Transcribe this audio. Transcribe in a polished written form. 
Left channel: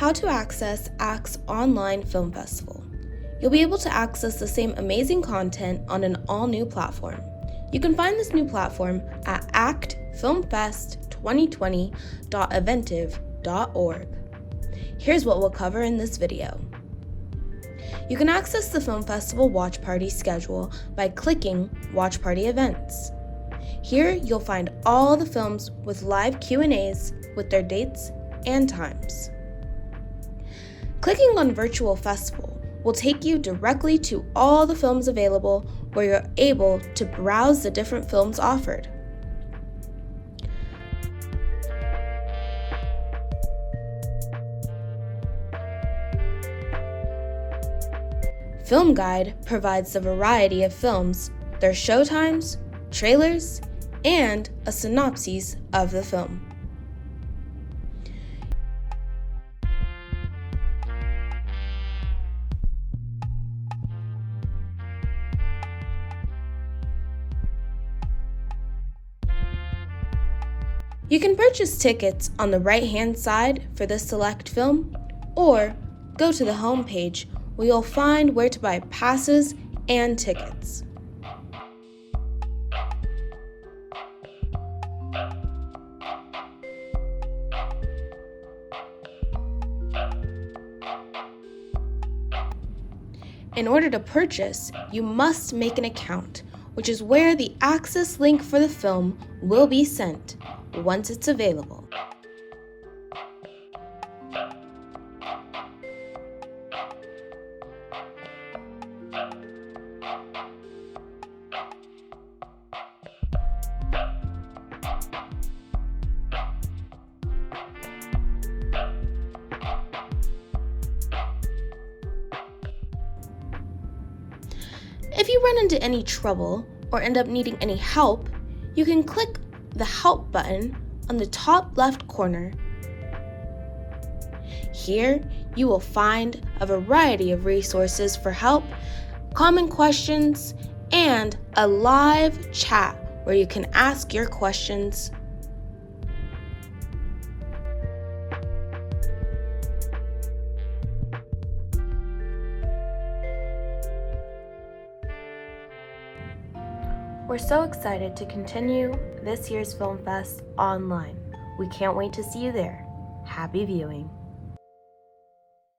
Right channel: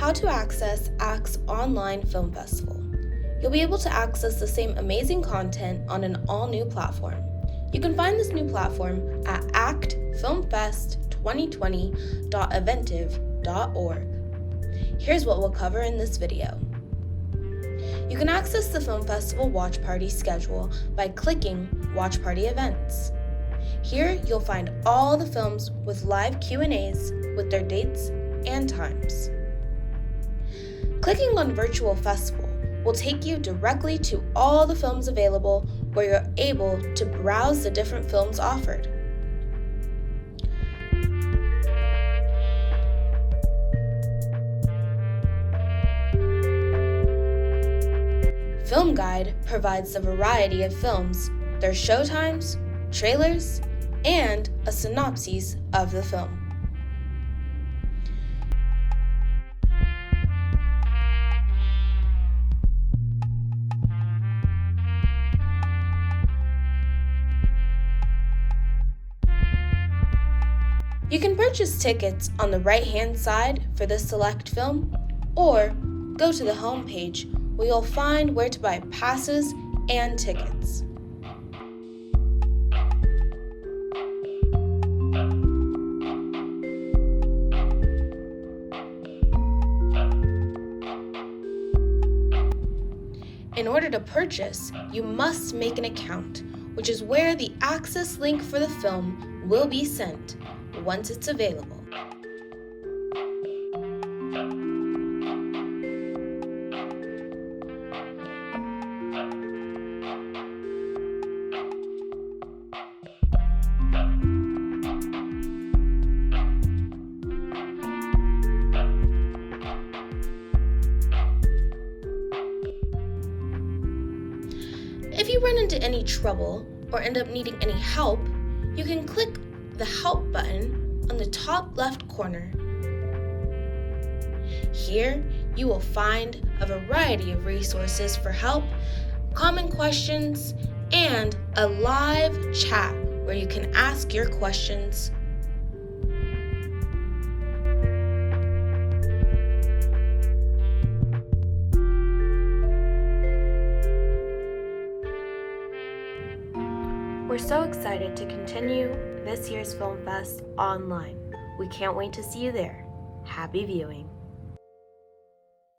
How to access ACT's online film festival. You'll be able to access the same amazing content on an all-new platform. You can find this new platform at actfilmfest2020.eventive.org. Here's what we'll cover in this video. You can access the Film Festival Watch Party schedule by clicking Watch Party Events. Here you'll find all the films with live Q&As with their dates and times. Clicking on Virtual Festival will take you directly to all the films available where you're able to browse the different films offered. Film Guide provides a variety of films, their showtimes, trailers, and a synopsis of the film. You can purchase tickets on the right-hand side for the select film, or go to the home page where you'll find where to buy passes and tickets. In order to purchase, you must make an account, which is where the access link for the film will be sent once it's available. If you run into any trouble or end up needing any help, you can click the Help button on the top left corner. Here, you will find a variety of resources for help, common questions, and a live chat where you can ask your questions. We're so excited to continue this year's Film Fest online. We can't wait to see you there. Happy viewing.